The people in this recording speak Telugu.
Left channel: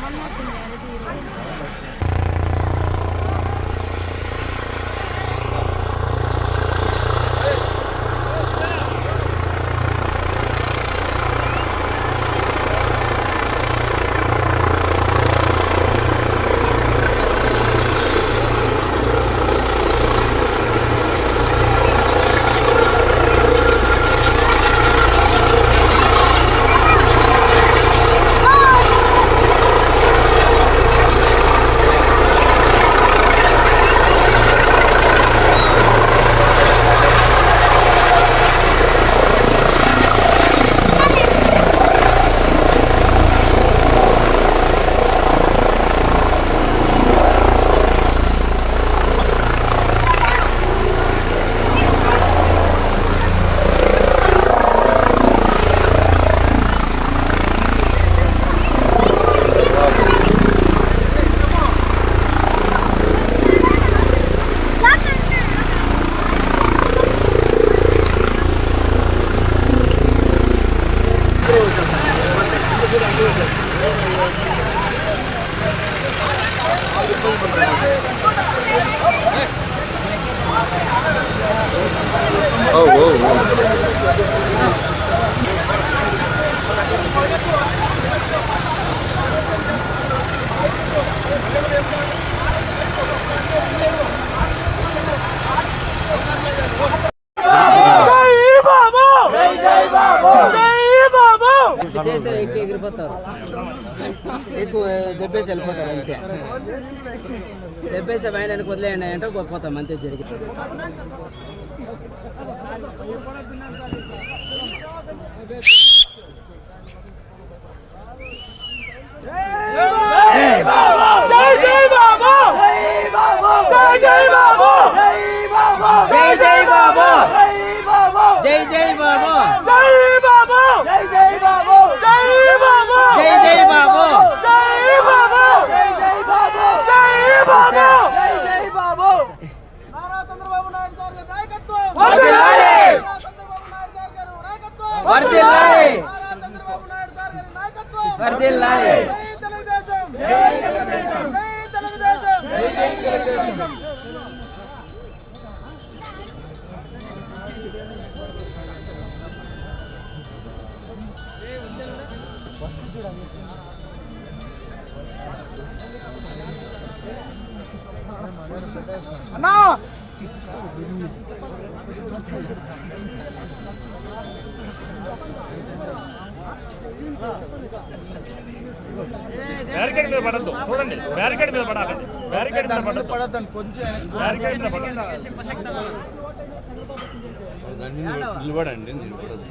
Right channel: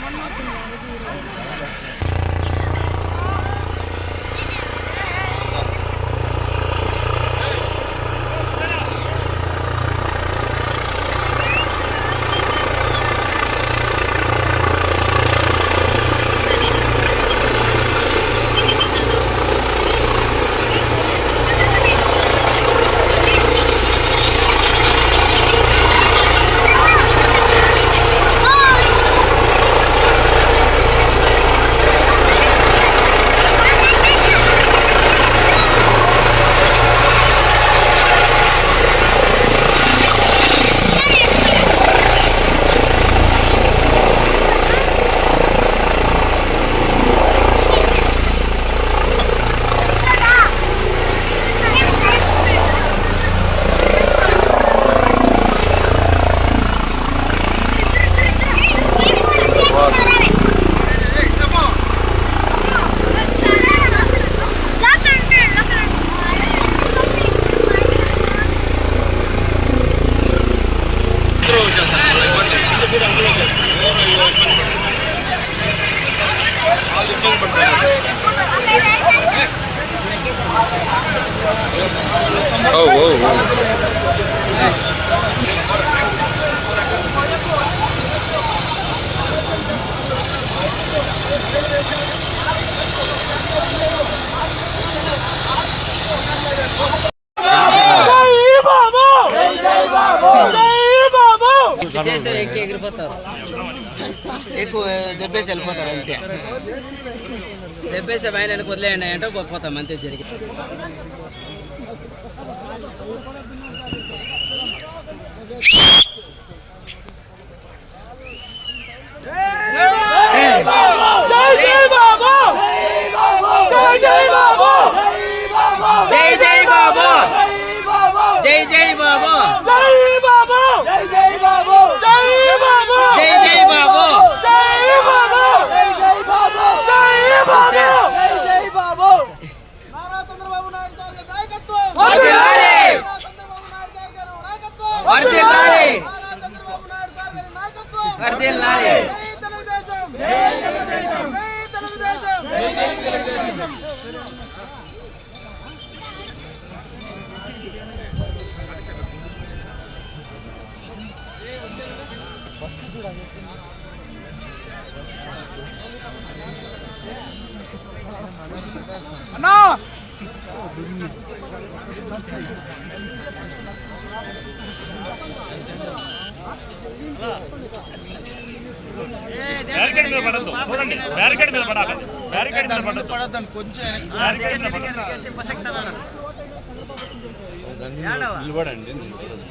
Mama kung yari di. Oh, whoa, whoa. ఎక్కువ దెబ్బేసి వెళ్ళిపోతారు అంతే. దెబ్బేస్తే పైన వదిలేయండి అంటే పోతాం అంతే జరిగి. జై జై బాబు! జై జై బాబు జై జై బాబు వర్ధిల్లాలి వర్ధిల్లాలి వర్ధిల్లాలి బ్యారికేడ్ మీద పడద్దు. చూడండి. బ్యారికేడ్ మీద పడాలి. బ్యారికేడ్ మీద పడద్దు. కొంచెం బ్యారికేడ్ మీద పడద్దు. నిలబడండి. నిలబడదు